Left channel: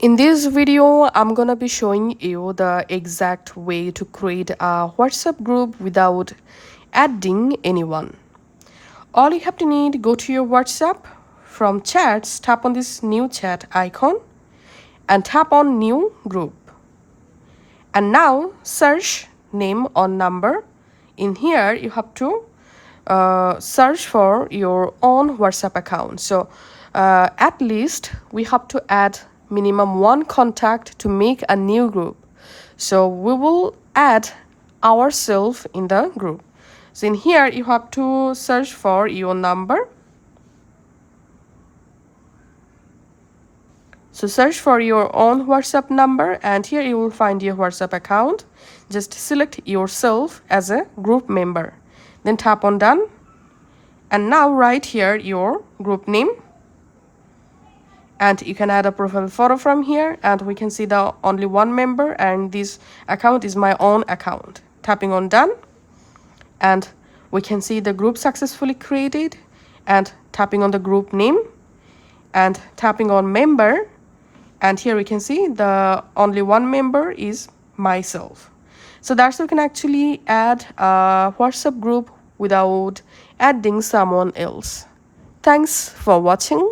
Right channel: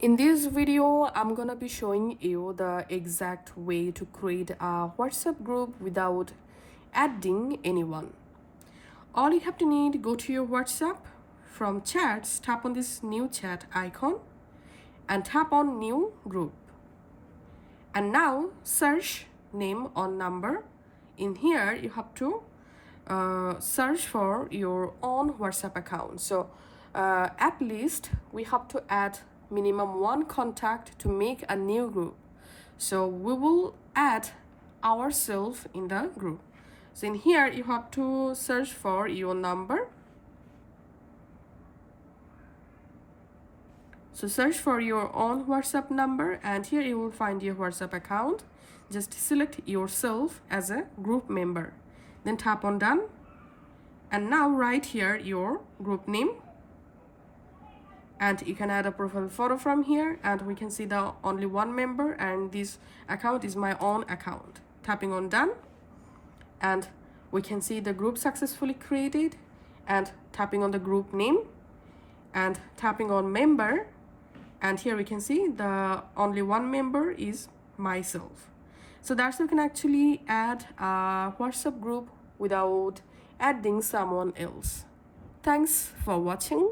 In this video, I'm gonna be showing you the exact way to create a WhatsApp group without adding anyone. All you have to need, go to your WhatsApp, from chats, tap on this new chat icon and tap on new group. And now search name or number. In here, you have to search for your own WhatsApp account. So at least we have to add minimum one contact to make a new group. So we will add ourselves in the group. So in here you have to search for your number. So search for your own WhatsApp number and here you will find your WhatsApp account. Just select yourself as a group member. Then tap on done. And now write here your group name. And you can add a profile photo from here and we can see the only one member and this account is my own account. Tapping on done. And we can see the group successfully created and tapping on the group name and tapping on member. And here we can see the only one member is myself. So that's how you can actually add a WhatsApp group without adding someone else. Thanks for watching.